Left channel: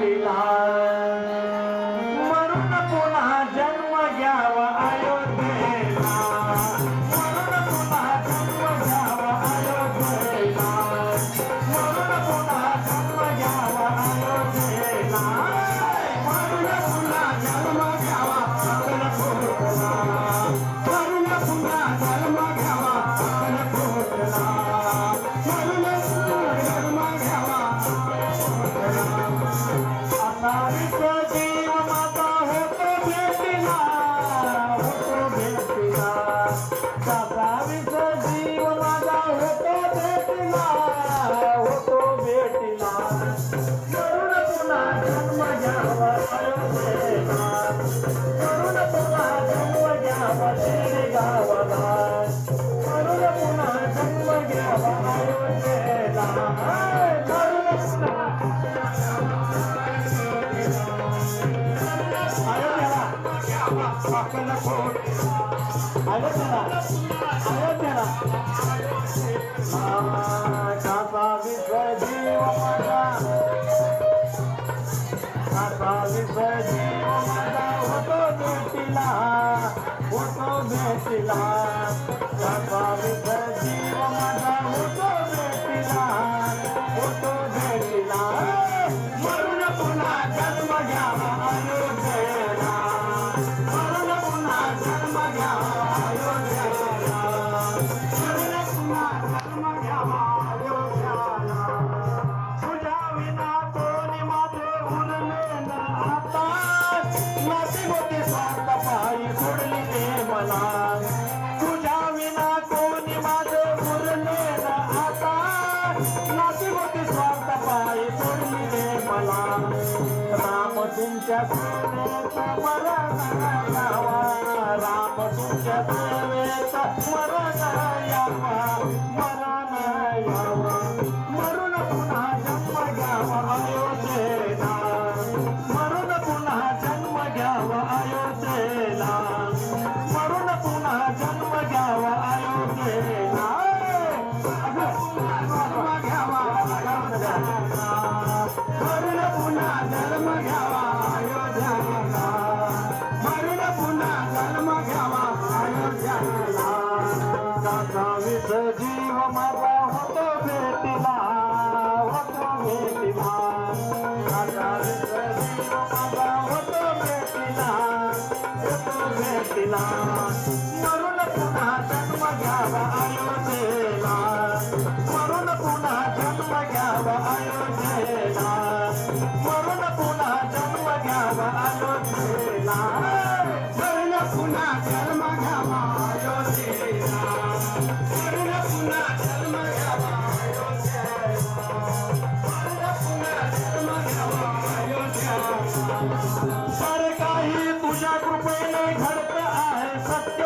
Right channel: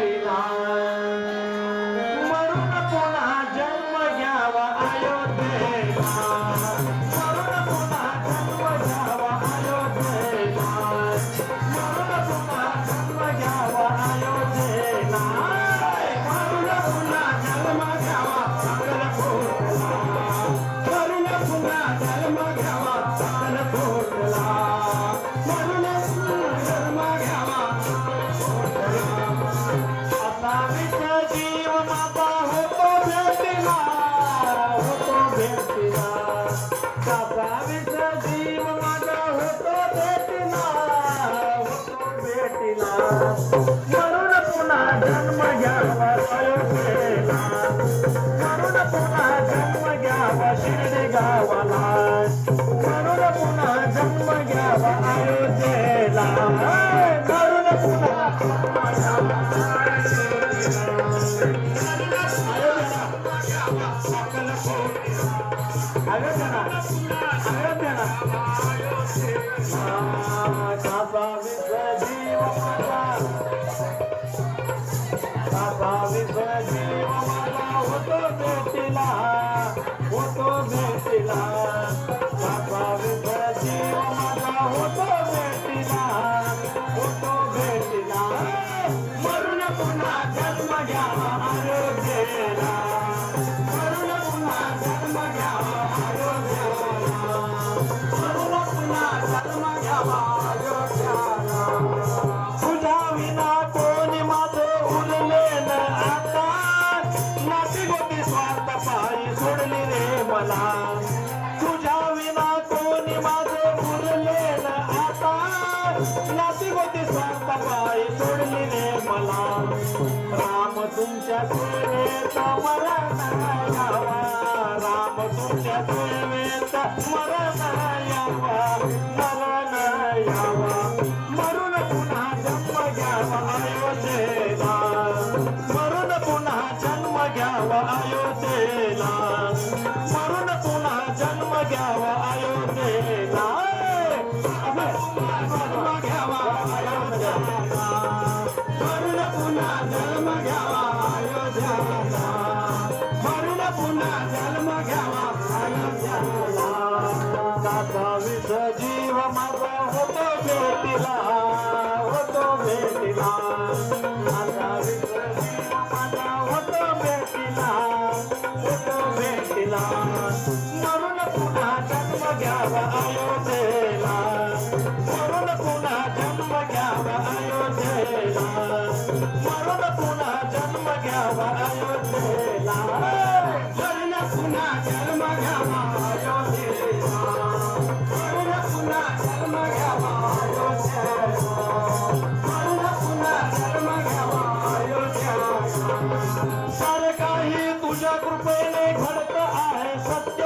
भेटीला मरून पुन्हा जन्म घ्यावा अयोध्येला मरून पुन्हा जन्म घ्यावा अयोध्येला मरून पुन्हा जन्म घ्यावा अयोध्येला मरून पुन्हा जन्म घ्यावा अक्कलकोटला मरून पुन्हा जन्म घ्यावा अक्कलकोटला मरून जन्म घ्यावा असावीच जीव माझा होतो भेटीला असावीच जीव माझा होतो भेटीला मरून पुन्हा जन्म घ्यावा अयोध्येला मरून पुन्हा जन्म घ्यावा शिर्डी गावाला मरून पुन्हा जन्म घ्यावा अयोध्येला मरून पुन्हा अयोध्येला कासा विश्व जीव माझा कासा विश्व जीव माझा होतो भेटीला कासा विश्व जीव माझा होतो भेटीला मरून पुन्हा जन्म घ्यावा अयोध्येला मरून पुन्हा जन्म घ्यावा अयोध्येला मरून पुन्हा जन्म घ्यावा अयोध्येला तुझ्या विना कोणी माझं उरले न आता नाती गोती स्वार्थ पायी सोडली रे मला तुझ्या विना कोणी माझं उरले न आता नाती गोती स्वार्थ पायी सोडली रे मला राम तुमच्या सेवेत मरण यावा राम तुमच्या सेवेत मरण यावा मरून पुन्हा जन्म घ्यावा अयोध्येला मरून पुन्हा जन्म घ्यावा अयोध्येला मरून पुन्हा जन्म घ्यावा अयोध्येला जन्म घ्यावा अयोध्येला मरून पुन्हा जन्म घ्यावा अयोध्येला मरून पुन्हा जन्म घ्यावा अयोध्येला कासा विस जीव माझा होतो भेटीला कासा विस जीव माझा होतो भेटीला मरून पुन्हा जन्म घ्यावा अयोध्येला मरून पुन्हा जन्म घ्यावा अयोध्येला मरून पुन्हा जन्म घ्यावा अयोध्येला मरून पुन्हा जन्म घ्यावा अयोध्येला मरून पुन्हा जन्म घ्यावा सारे काही तुझ्या कृपेने घडत आहे सत्य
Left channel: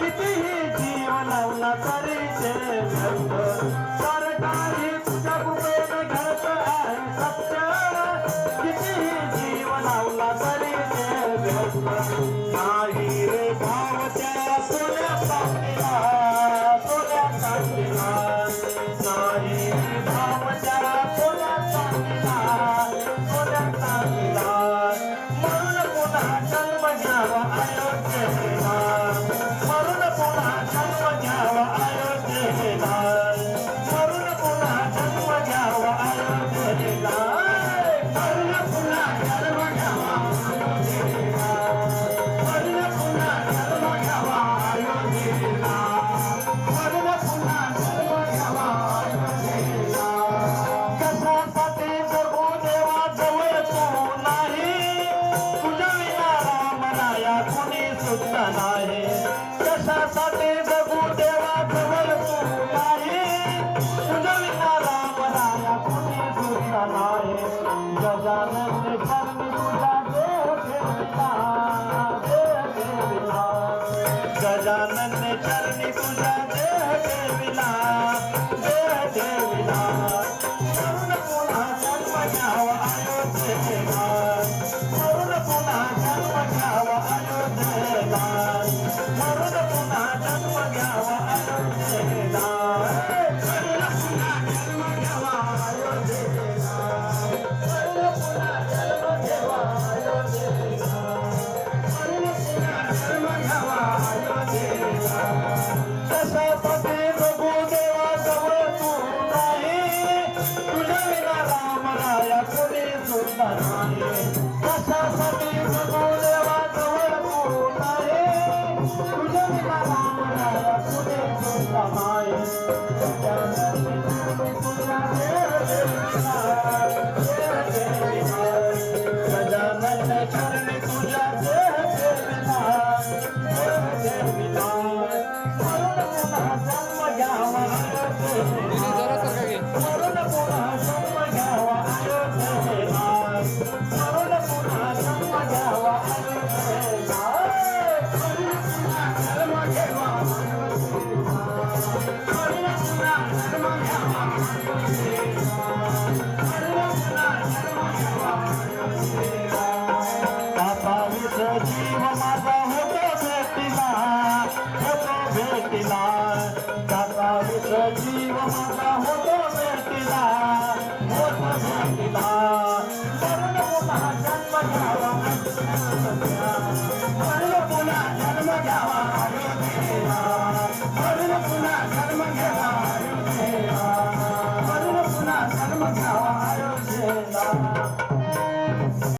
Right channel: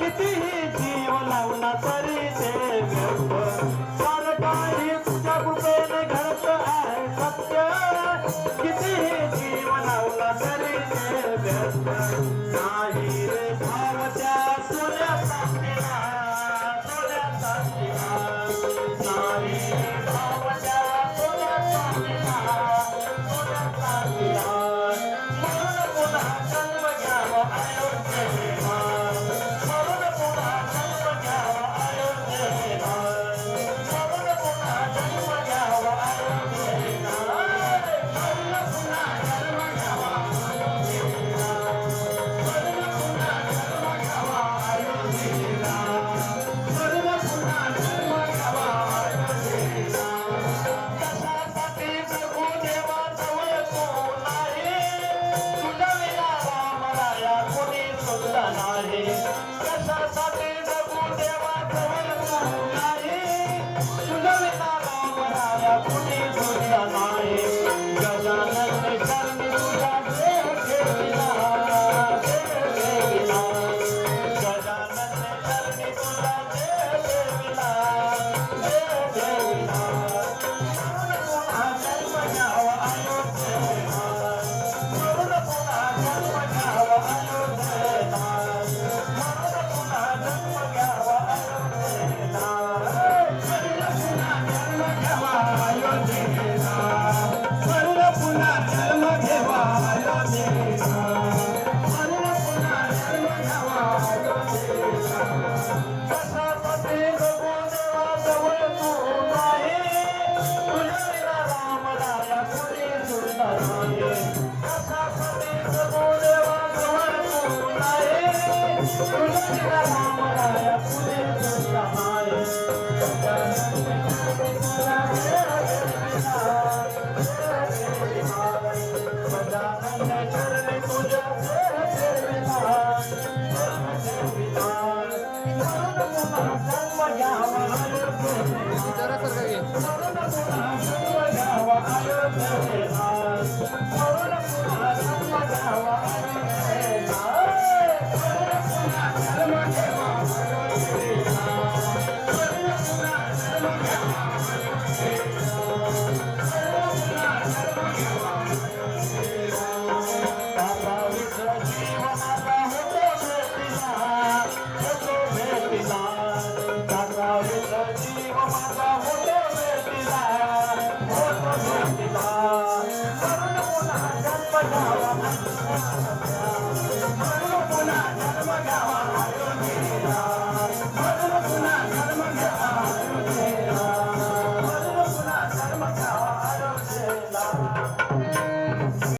कितीही जीव लावला तरी ते व्यर्थ सारे काही तुझ्या कृपेने घडत आहे सत्य कितीही जीव लावला तरी ते व्यर्थ नाही रे भाव त्या सोन्यासारखीला नाही भाव त्या सोन्यासारखीला मरून पुन्हा जन्म घ्यावा भेटीला